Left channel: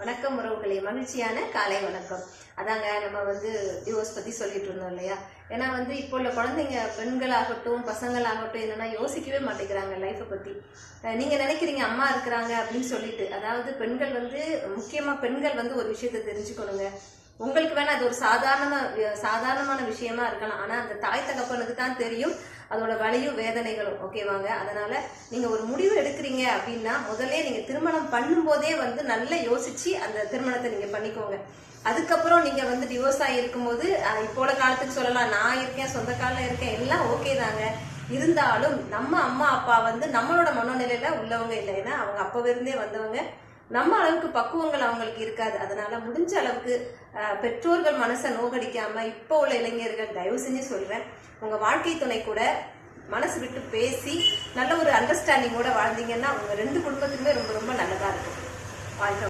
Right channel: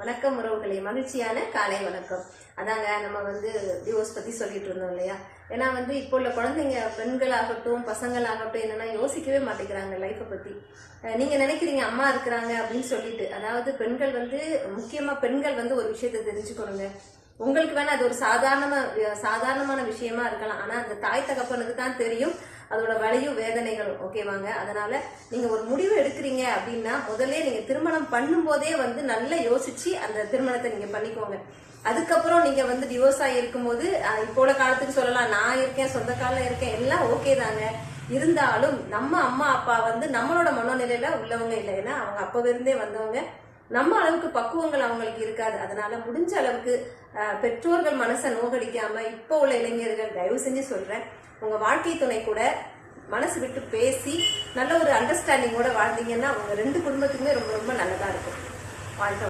வணக்கம் உறவுகளே, மகிழ்ச்சியான காலை வணக்கம். அதாங்க நம்ம டிவோர்ஸ் பத்தி சொல்லிட்டு இருந்தோம் இல்லையா? ஏன்னா இப்போ உள்ள குழந்தைங்க, பெண்களாகட்டும் பசங்களாகட்டும், என்னன்னா யோசிக்கவே மாட்டேங்கிறாங்க லைஃப்பை பத்தி. நீங்க நினைக்கிறீங்க அம்மா இருக்கிறாங்க அப்படின்னு சொல்லிட்டு. அதாவது பெண்கள் முக்கியமா பெண்கள் ஒரு விஷயத்தை தெரிஞ்சுக்கணுங்க. உங்களுக்கு வேணா அது ஒரு சாதாரணமான விஷயமா இருக்கலாம். ஆனா அந்த தாய் தகப்பனுக்கு தான் தெரியும் அதோட வலியும் வேதனைகளும். ஓகேவாங்க? அதனால நீங்க ஒரு முடிவு எடுக்கிறீங்க அப்படின்னா முதல்ல நீங்க திருமணம் பண்ணும் போதே நல்லா யோசிச்சு அந்த திருமணத்தை நீங்க பண்ணிக்கோங்க. அதுக்கப்புறம் நீங்க டிவோர்ஸ் ஆகி இருக்கும்போது இப்போ காலத்துக்கு சொல்லலாம், நான் இருக்கேன், சொந்த காலில் இருக்கேன், எல்லாம் ஓகே தாங்க. இருந்தாலும் நம்ம அம்மா அப்பா நம்மளோட மனோநிலையில உள்ளவங்க இல்லை. ஏன்னா அவங்க அப்பவே இருந்தே வந்தவங்க. நம்ம அளவுக்கு பக்குவங்கள் அவங்களுக்கு இருக்காது. அதனால முடிஞ்ச அளவுக்கு பெற்றோர்கள் மனசை நோகடிக்காம இப்போ உள்ள இளைஞர்கள் தயவு செஞ்சு சொல்றேன், உங்க வாழ்க்கை துணை கூட மனசு விட்டு பேசி நல்ல ஒரு அண்டர்ஸ்டாண்டிங்கோட வாழ்ந்தீங்கன்னா உங்க ரெண்டு குடும்பத்துக்குமே ரொம்ப ரொம்ப நல்லதா இருக்கும். வாழ்க்கை